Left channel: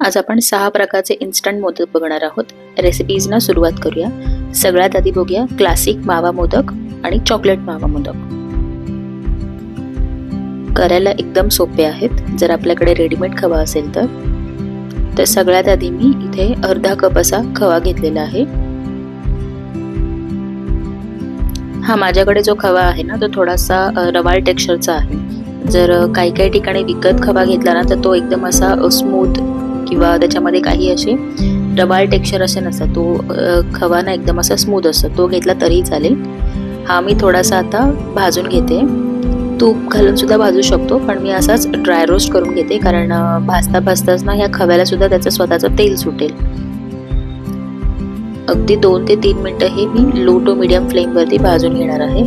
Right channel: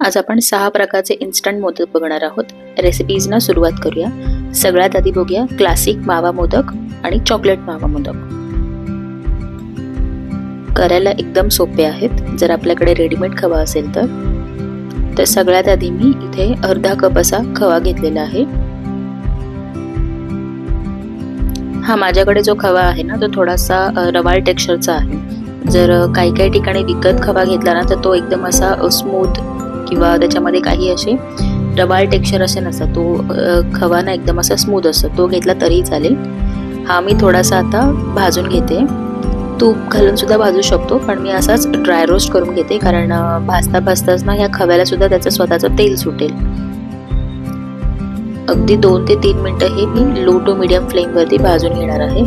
आज आपण 6 प्रकारचे इन्स्टंट मोदक बघणार आहोत. रेसिपीजना सुरुवात करूया. सगळ्यात आधी बघूया क्लासिक मावा मोदक आणि चॉकलेट मावा मोदक. करायला एकदम सोपे आहेत जर आपल्याकडे रेडीमेड खवा असेल तर सगळ्यात आधी मी इथे अर्धा कप असा खवा घेतलेला आहे. हा माझ्याकडे जो खवा आहे ना तो थोडासा रवाळ टेक्स्चरचा आहे. जर काही ठिकाणी विकत खवा घेतला ना तर तो एकदम असा स्मूथ किंवा त्याच्यामध्ये काही असे रवाळ टेक्स्चर असे नसतात. तो खवा ना एकदम असा स्मूथ असतो, तो घेतला तरी चालेल. हा मी थोडासा आता भाजून घेते. तूप घालून सुद्धा भाजू शकतो, पण मी असाच ड्राय रोस्ट करून घेते कारण भाजताच ना ह्या खव्याला सुद्धा त्याचं स्वतःचं तेल सुटेल. अगदी 2 ते 3 मिनिटं हे मी लो टू मीडियम फ्लेम वरती भाजून घेणार आहे.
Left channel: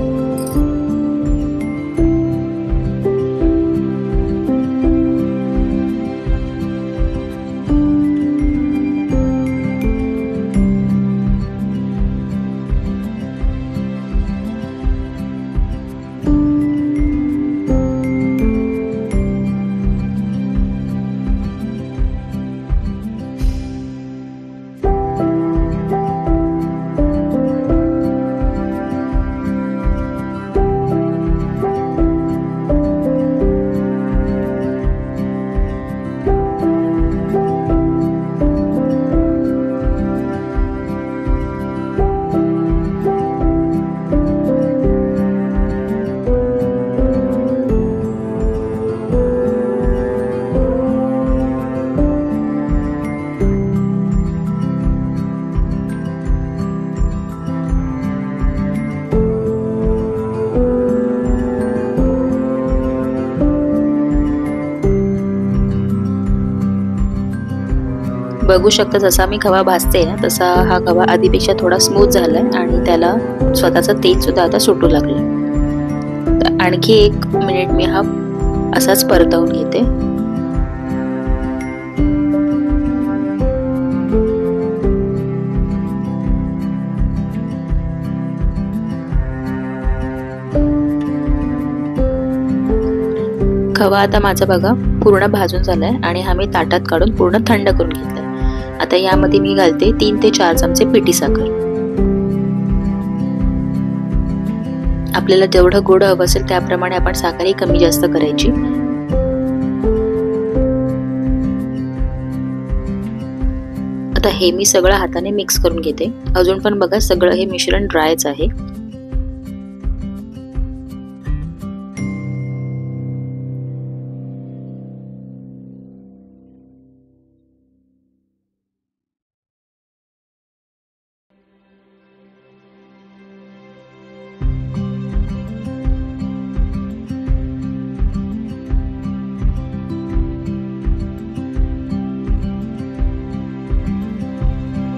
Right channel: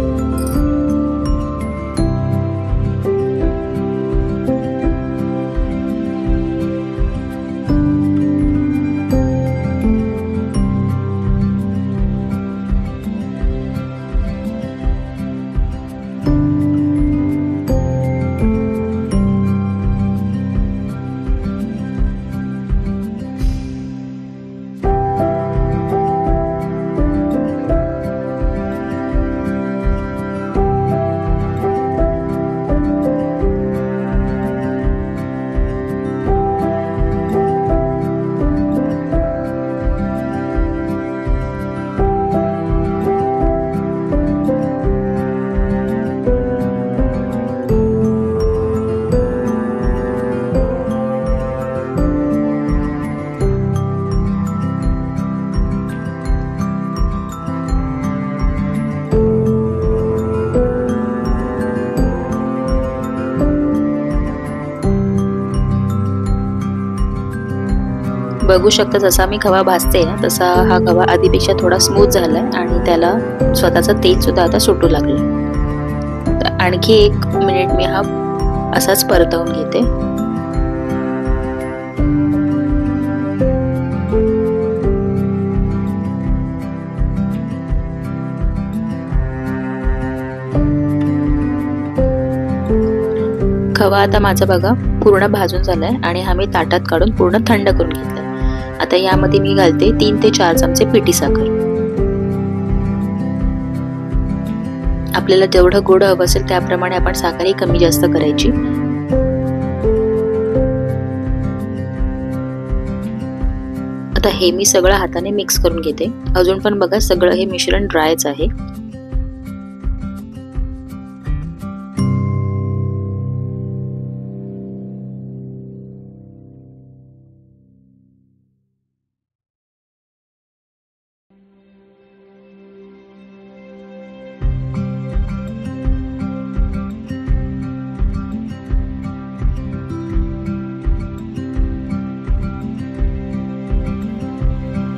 बघू शकता जसा मी खवा भाजते ना तसा हा खवा आधीपेक्षा थोडा स्मूथ झालाय आणि त्याला स्वतःचं तेल सुद्धा आता सुटू लागलं. तर आणखी 1 मिनिट मी हा असाच परतवून घेते. खवा आता माझा बघा पूर्ण भाजून झालाय आणि हा मी ताटात काढून पूर्ण थंड करून घेतलाय. आता यामध्ये मी घालते 3 ते 4 चमचे पिठी साखर. आपल्याला जेवढं गोड हवं असेल त्याप्रमाणे आपण साखरही कमी जास्त करायची. आता हे मी सगळं हाताने मिक्स करून घेते. अजून पण बघा सगळं हे मिश्रण ड्रायच आहे.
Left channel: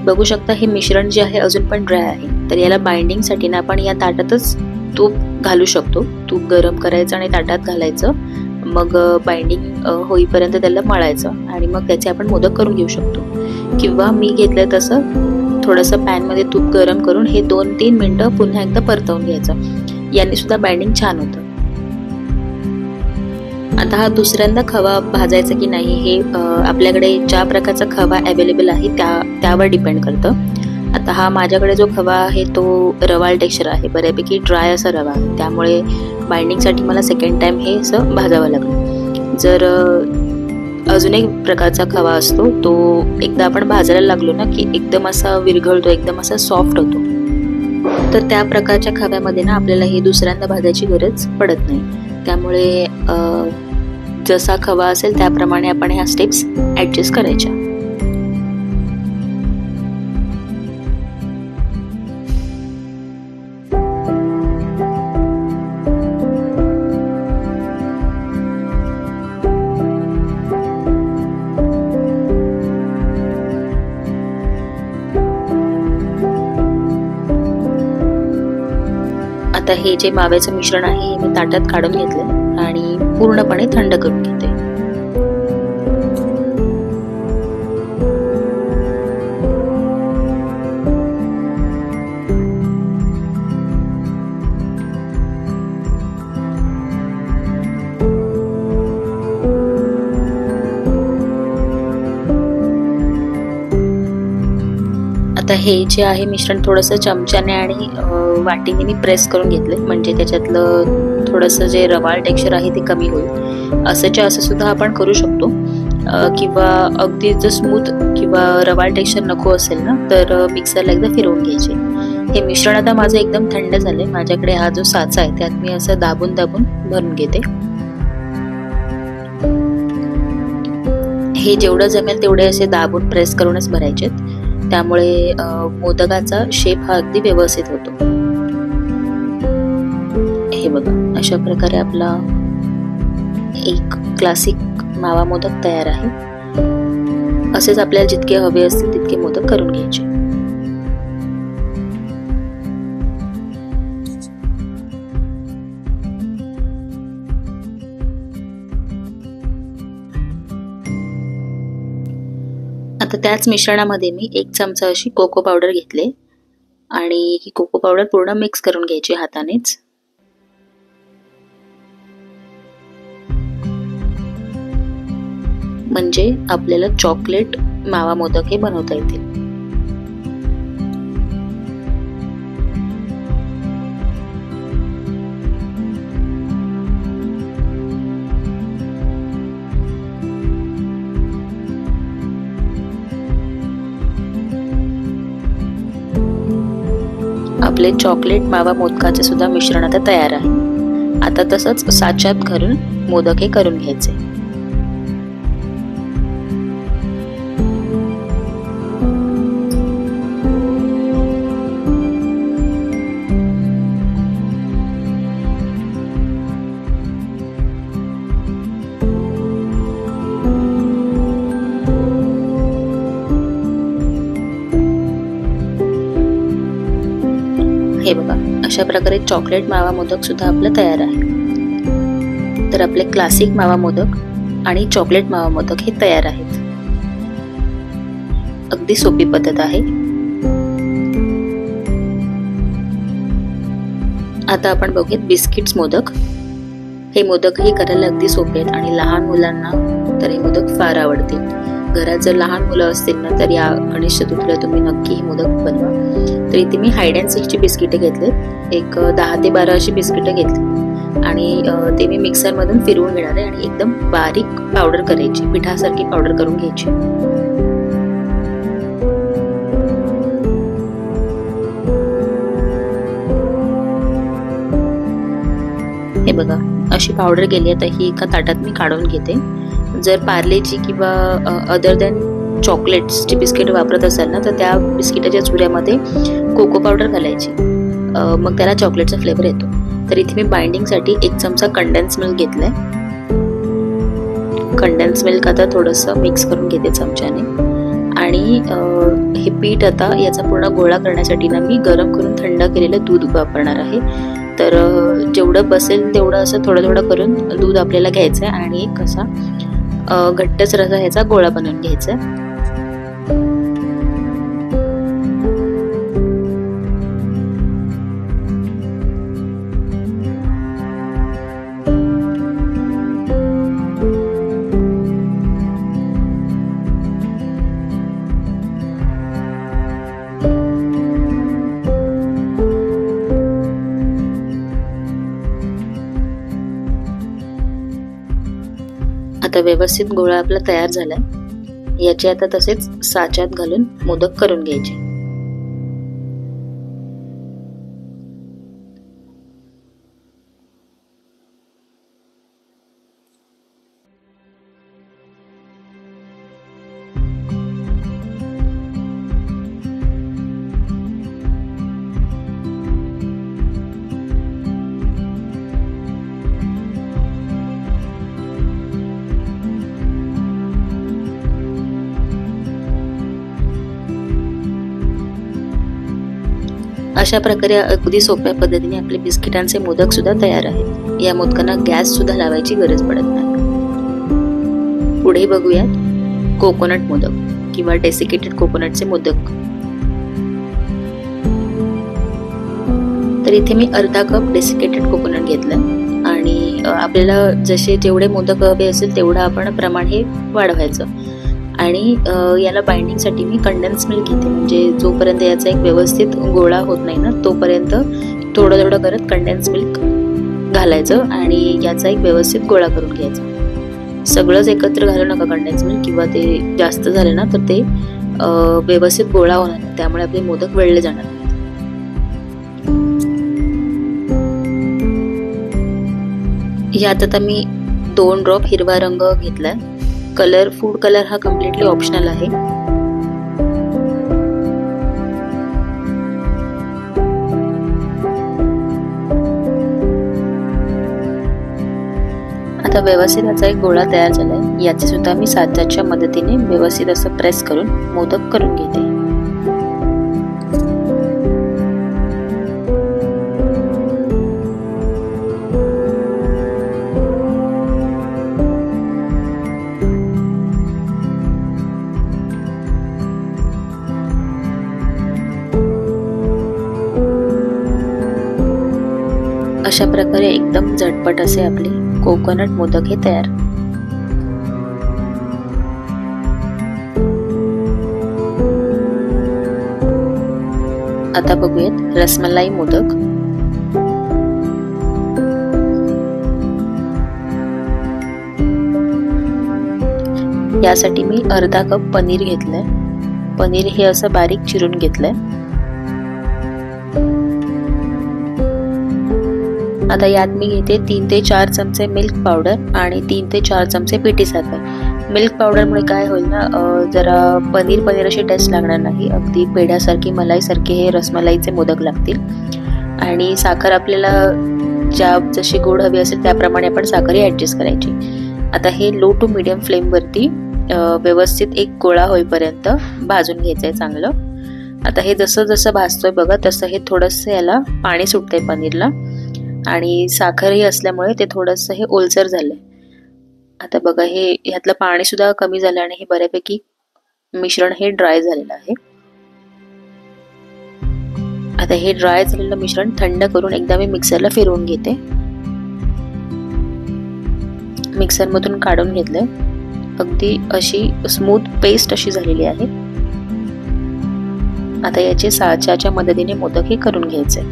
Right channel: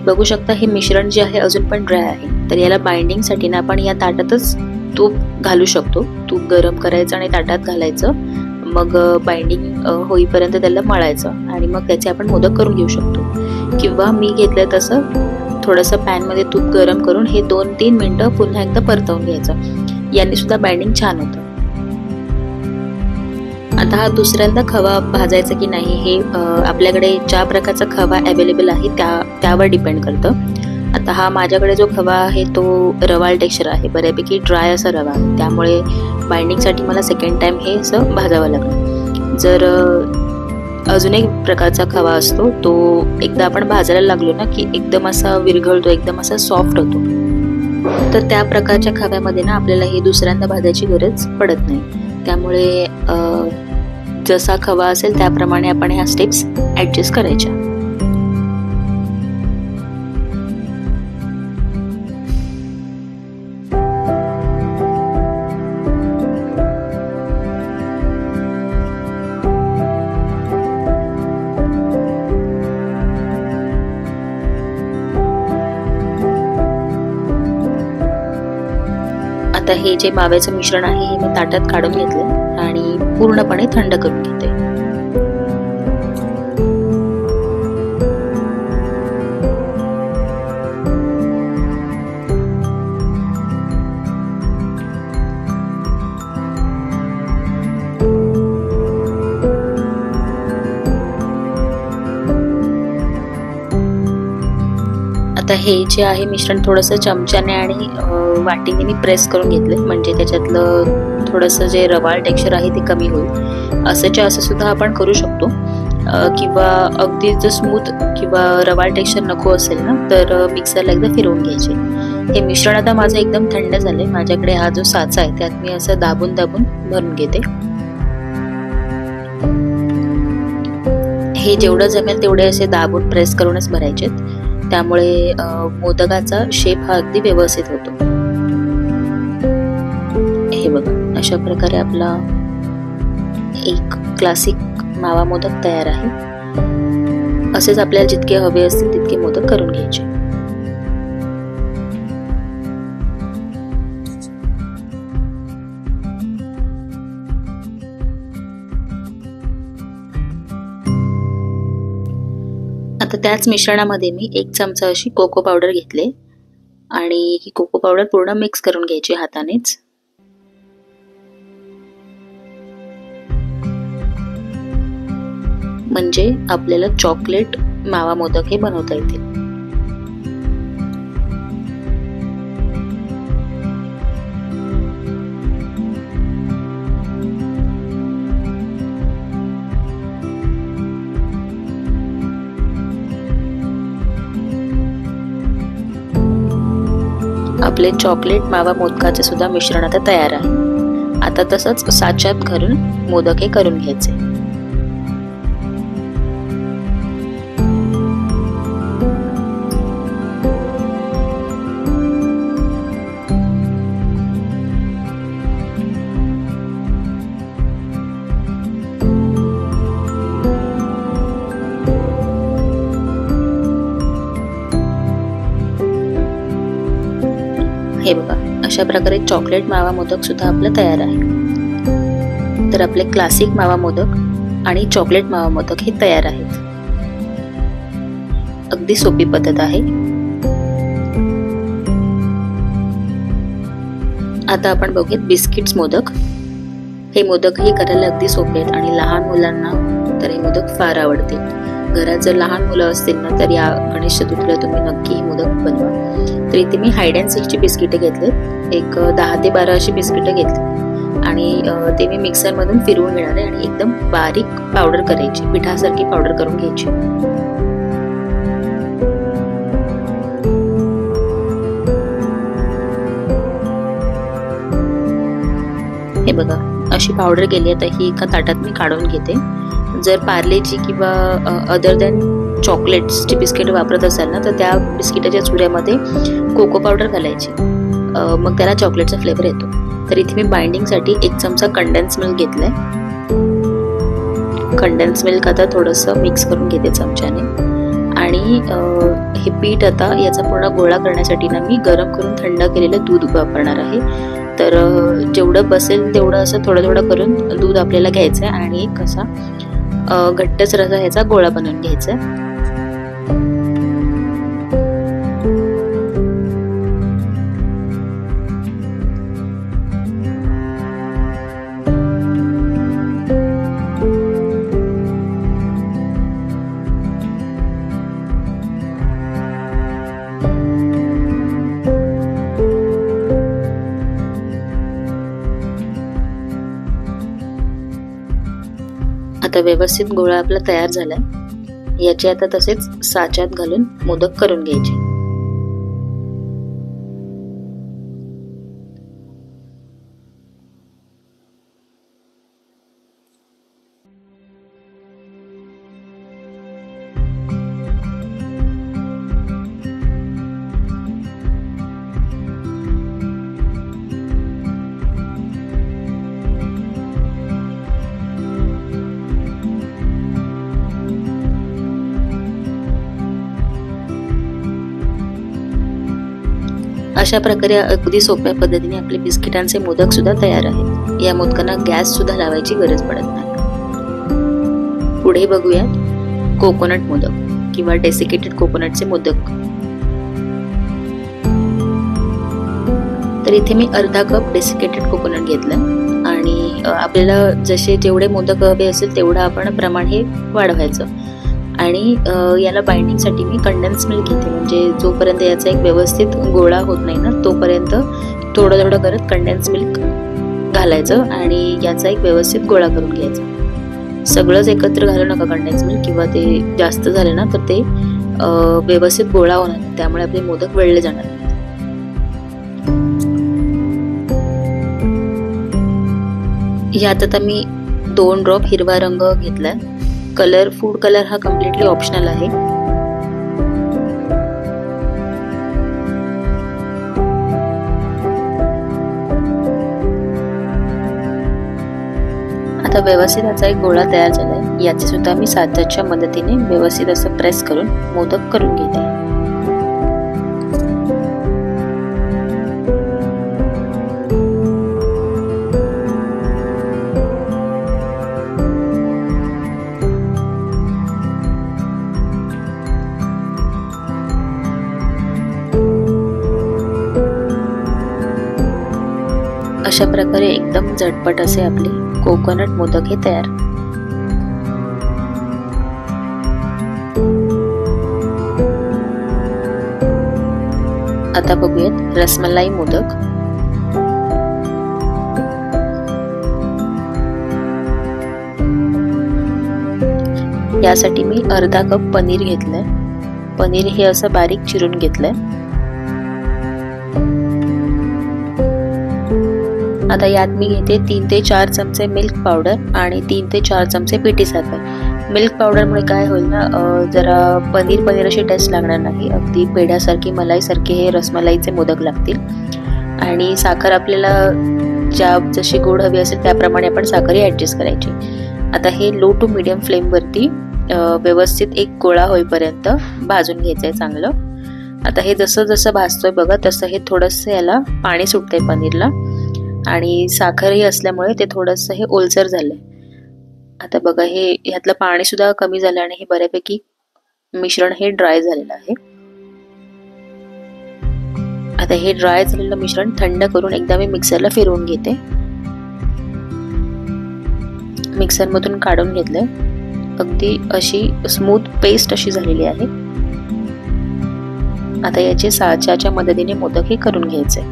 बघू शकता हे मिश्रण जे आहे अजून पण ड्राय आहे. तर याला बाइंडिंग साठी ना आपण या ताटातच तूप घालू शकतो. तूप गरम करायचं आणि ताटात घालायचं, मग बाइंडिंग होईपर्यंत त्याला मळायचं आणि मग त्याचे आपण मोदक करून घेऊ शकतो. किंवा मी घेतलंय तसं थोडंसं पॅन मध्ये तूप गरम करून हे 2-3 मिनिटं पुन्हा एकदा परतवून घ्यायचं. याने सुद्धा बाइंडिंग छान होतं. आता हा दुसऱ्यांदा खवा भाजायचा की नाही हे आपल्याकडे ज्या प्रकारचा खवा अवेलेबल आहे त्यावर डिपेंड करतं. आता हा माझ्याकडे जो खवा आहे तो रवाळ टेक्स्चर आहे, बऱ्यापैकी ड्राय असा रवा आहे, त्यामुळे बाइंडिंगसाठी मला सेकंड टाइम हे असं भाजावं लागलं. जर अजून एक प्रकारचा खवा असतो तो एकदा आपण भाजायला लागलो ना की एकदम असा विरघळतो, एकदम असा सॉफ्ट होतो. तर त्या प्रकारच्या खव्यामध्ये ना आपल्याला हे दुसऱ्यांदा भाजायची गरज पडत नाही. त्यामुळे जसा खवा असेल त्याप्रमाणे आपण ह्या स्टेप्स ऍडजस्ट करायच्या. आता हे जे माव्याचं मिश्रण आहे हे मी ताटात काढून घेतलं आणि पूर्णपणे थंड करून घेते. आता हे जे आहे मिश्रण थोडंसं चमच्याने आणि वाटीने मी प्रेस करून घेतले, म्हणजे त्याच्यातलं थोडंसं जे रवाळ टेक्स्चर आहे ते कमी होईल. असं सुद्धा आपण करू शकतो, किंवा अगदी जर स्मूथ किंवा रवाळ टेक्स्चर नको असेल ना तर मिक्सरला एकदा फिरवून घ्यायचे. हे मिश्रण आता माझं एकदम थंड झालंय. माझ्याकडे हा जो साचा आहे त्यात मी असं दाबून दाबून भरून घेते. हे जेवढं जमेल तेवढे असे दाबून प्रेस करूनच भरायचेत, त्यामुळे मोदकाचा शेप हा अगदी व्यवस्थित होतो. हे बघा, अशा प्रकारे आपला एक क्लासिक मावा मोदक तयार आहे. असेच आपल्याला जितके हवे असतील तितके मोदक करून घ्यायचे. आता त्याच मिश्रणामध्ये मी 1 चमचा अशी कोको पावडर घेतले आणि ही कोको पावडर पूर्ण मिक्स करून घ्यायची हातानेच. म्हणजे आपल्याला चॉकलेट मावा मोदक हे बनवता येतील. आपले चॉकलेट मावा मोदकाचे सुद्धा मिश्रण आता तयार आहे. आता तसंच साच्यात घालून मोदक हे करून घ्यायचे. हे बघा, अशा प्रकारे चॉकलेट मावा मोदक सुद्धा आपलं तयार आहे. तर आपले क्लासिक मावा मोदक आणि चॉकलेट मावा मोदक हे तयार आहेत. अगदी सोपी पद्धत आहे. आता आपण बघूयात बिस्किट्स मोदक. हे मोदकही करायला अगदी सोपे आहेत आणि लहान मुलांना तर हे मोदक फार आवडतील. घरात जर लहान मुलं असतील ना तर या गणेश चतुर्थीला तुम्ही नक्की हे मोदक बनवा. तर इथे मी हाईड अँड सीकची बिस्किटे घेतलेत. एक 10 ते 12 अशी बिस्किटं घेतली आणि ते मी मिक्सरमधून फिरवून घेणार आहे आणि एकदम बारीक पावडर करायची, पिठासारखी पावडर करून घ्यायची. हे बघा, अशी पावडर केली. आता ही एका ताटात मी काढून घेते. जर पार्लेची किंवा अदर दॅन चॉकलेट्सची बिस्किट वापरत असाल ना तर त्या बिस्किटाच्या चुऱ्यामध्ये कोको पावडर घालायची, मग त्याला चॉकलेटचा फ्लेवर येतो. तर इथे मी बाइंडिंगसाठी 1 चमचा कंडेन्स मिल्क घेतलाय. कंडेन्स मिल्क आता थोडंसं मिक्स करून घेते चमच्याने आणि हे पीठ आता याचा पूर्ण गोळा करण्यासाठी ना मी गरम करून थंड केलेलं दूध वापरणार आहे. तर जेवढं बसेल तेवढं असं थोडं थोडं करून दूध आपल्याला घ्यायचं आहे आणि एक असा घट्टच रसा ह्याचा गोळा बनवून घ्यायचा आहे. आता व्यवस्थित गोळा आपला तयार झालाय. याचे आता तसेच साच्यात घालून मोदक करून घ्यायचे. अशा प्रकारे अगदी सोप्या पद्धतीने आपले बिस्किटांचे मोदक सुद्धा तयार आहेत. या मोदकांना गॅस सुद्धा लावायची गरज पडत नाही. पुढे बघूयात कोकोनट मोदक किंवा डेसिकेटेड कोकोनटचे मोदक. तर इथे मी अर्धा कप डेसिकेटेड कोकोनट घेतलं आणि आपल्याला जसे जेवढे मोदक हवे असेल तेवढं आपण प्रमाण हे वाढवायचं आणि याला बाइंडिंगसाठी मी कंडेन्स मिल्क घेते, म्हणजे जोपर्यंत याचा एक व्यवस्थित गोळा होत नाही ना तोपर्यंत थोडं थोडं करत कंडेन्स मिल्क घालायचं आणि याचा एक व्यवस्थित गोळा करून घ्यायचा। सगळंच एकत्र घालू नका कंडेन्स मिल्क, किंवा ते जास्त झाले ना तर ते व्यवस्थित गोळा होणार नाही, त्यामुळे आपले मोदक वेळले जाणार नाही। यात आता मी 2 ड्रॉप हिरवा रंग घेतलाय। कलर, फूड कलर हा कम्प्लिटली ऑप्शनल आहे। आता व्यवस्थित याचा एक गोळा तयार झालाय। याचे सुद्धा मी साच्याच्या मदतीने व्यवस्थित असं प्रेस करून मोदक करून घेते। अशा प्रकारे एकदम झटपट असे आपले कोकोनट मोदक हे तयार। आता बघूयात रसमलाई मोदक। यासाठी मी अर्धा कप पनीर घेतलंय। पनीर हे असं बारीक चिरून घेतलंय। आता यात मी घेते 3 ते 4 चमचे मिल्क पावडर आणि 3 ते 4 चमचे पिठी साखर। मिल्क पावडरमुळे काय होईल ना, जरा पनीर अशी टेस्ट लागणार नाही, अगदी पेढ्यासारखी मलाईसारखे हे रसमलाईचे मोदक लागतील। आणि साखर आपल्याला जशी गोड हवी असेल त्याप्रमाणे आपण साखरही ॲडजस्ट करायची। आता हे लो टू मीडियम फ्लेमवरती व्यवस्थित एक गोळा होईपर्यंत भाजून घ्यायचं आहे चांगलं। आता हे जसं जसं भाजतोय बघा तसं हे थोडंसं याला पाणी सुटतंय पनीरला, आणि साखरही असल्यामुळे ते थोडंसं हे ओलसर झालंय। आता बघा हे ह्यातलं पाणी सुद्धा कमी झालं आणि हे बऱ्यापैकी मिश्रण हे ड्राय झालेलं आहे। आता हे ड्राय झालेलं मिश्रण थंड करून एकदा मी मिक्सरला फिरवून घेते। मिक्सर मधून काढून घेतलंय, अगदी अशी स्मूथ पेस्ट अशी झालेली आहे। आता याचे साच्याच्या मदतीने मोदक हे करून घ्यायचे।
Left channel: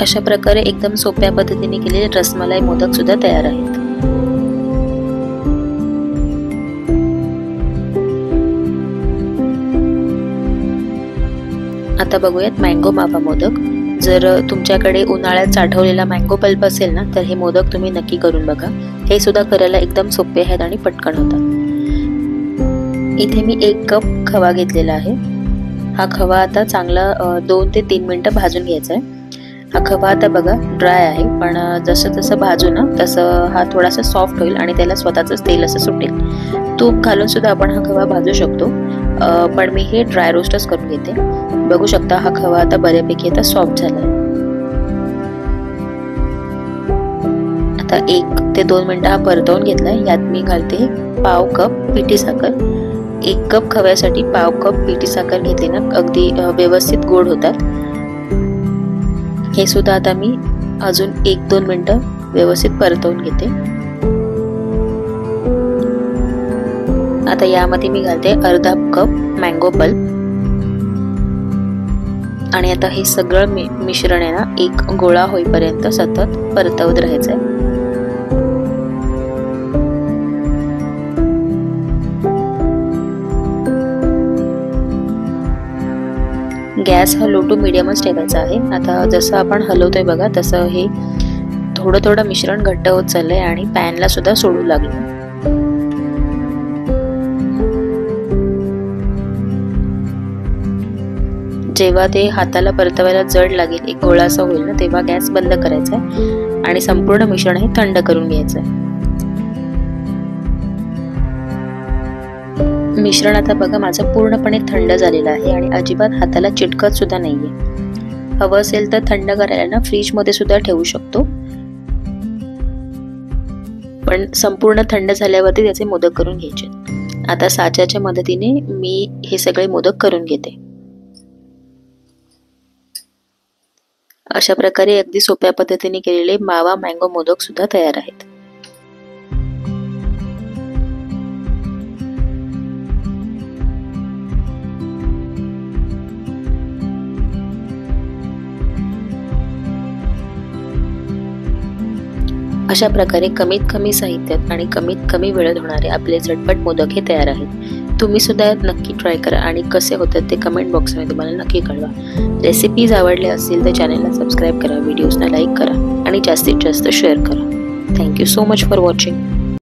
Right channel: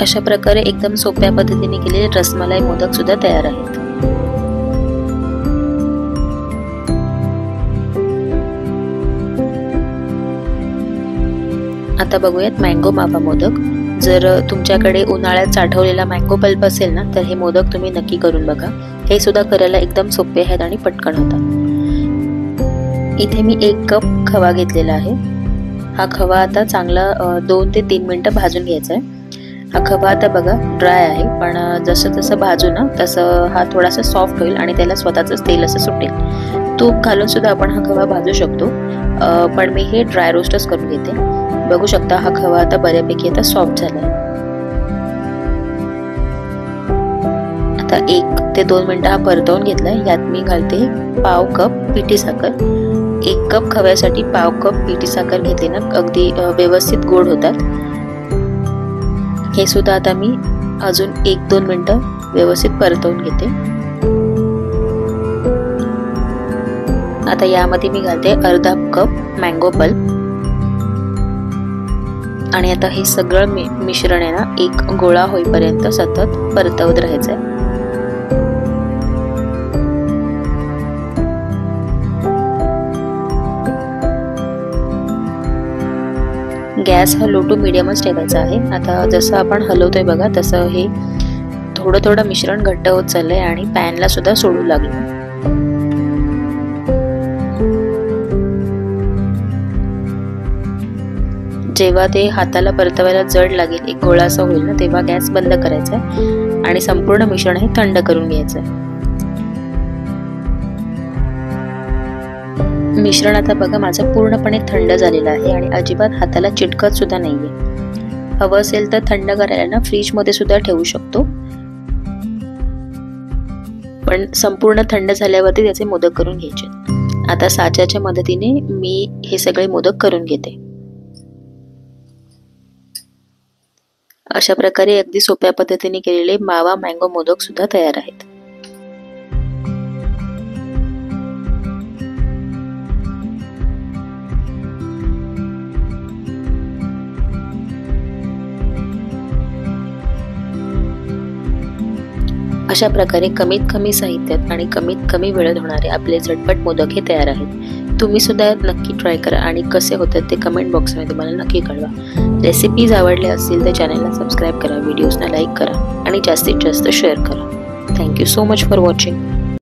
अशा प्रकारे एकदम सोप्या पद्धतीने केलेले रसमलाई मोदक सुद्धा तयार आहेत। आता बघूयात मँगो मावा मोदक। जर तुमच्याकडे उन्हाळ्यात साठवलेला मँगो पल्प असेल ना तर हे मोदक तुम्ही नक्की करून बघा। हे सुद्धा करायला एकदम सोपे आहेत आणि पटकन होतात। इथे मी 1 कप खवा घेतलेला आहे। हा खवा आता चांगला 2 ते 3 मिनिटं भाजून घ्यायचा आहे। हा खवा आता बघा ड्राय आहे, पण जसं जसं भाजू ना तसं हा थोडासा सॉफ्ट होईल आणि त्याला स्वतःच तेल असं सुटेल। तूप घालून सुद्धा आपण हा खवा भाजू शकतो, पण मी हे ड्राय रोस्टच करून घेते। बघू शकता हा खवा आता बऱ्यापैकी आता सॉफ्ट झालाय। आता 1 ते 2 मिनिटं हा परतवून घेतलाय। यात मी घालते पाव कप पिठी साखर। 1 कप खव्यासाठी पाव कप पिठी साखर घेतली ना अगदी व्यवस्थित गोड होतात। हे सुद्धा आता मी अजून 1-2 मिनिटं व्यवस्थित परतवून घेते। आता यामध्ये मी घालते अर्धा कप मँगो पल्प आणि आता हे सगळं मिश्रण आहे ना एक गोळा होईपर्यंत सतत परतवत राहायचं आहे। गॅस हा लो टू मीडियमच ठेवायचा आहे। आता जसं आपण हलवतोय बघा तसं हे थोडं थोडं मिश्रण घट्ट होत चाललंय आणि पॅनला सुद्धा सोडू लागलं। जेव्हा ते हाताला परतवायला जड लागेल, एक गोळा असा होईल ना, तेव्हा गॅस बंद करायचा आहे आणि संपूर्ण मिश्रण हे थंड करून घ्यायचं आहे। मिश्रण आता बघा माझं पूर्णपणे थंड झालेलं आहे आणि अजिबात हाताला चिटकत सुद्धा नाहीये। हवं असेल तर थंड करायला ना फ्रीज मध्ये सुद्धा ठेवू शकतो, पण संपूर्ण थंड झाल्यावरती त्याचे मोदक करून घ्यायचे। आता साच्याच्या मदतीने मी हे सगळे मोदक करून घेते। अशा प्रकारे अगदी सोप्या पद्धतीने केलेले मावा मँगो मोदक सुद्धा तयार आहेत। अशा प्रकारे कमीत कमी साहित्यात आणि कमीत कमी वेळेत होणारे आपले झटपट मोदक हे तयार आहेत। तुम्ही सुद्धा नक्की ट्राय करा आणि कसे होतात ते कमेंट बॉक्समध्ये मला नक्की कळवा। रेसिपीज आवडल्या असतील तर चॅनलला सबस्क्राईब करा, व्हिडिओजना लाईक करा आणि जास्तीत जास्त शेअर करा। Thank you so much for watching.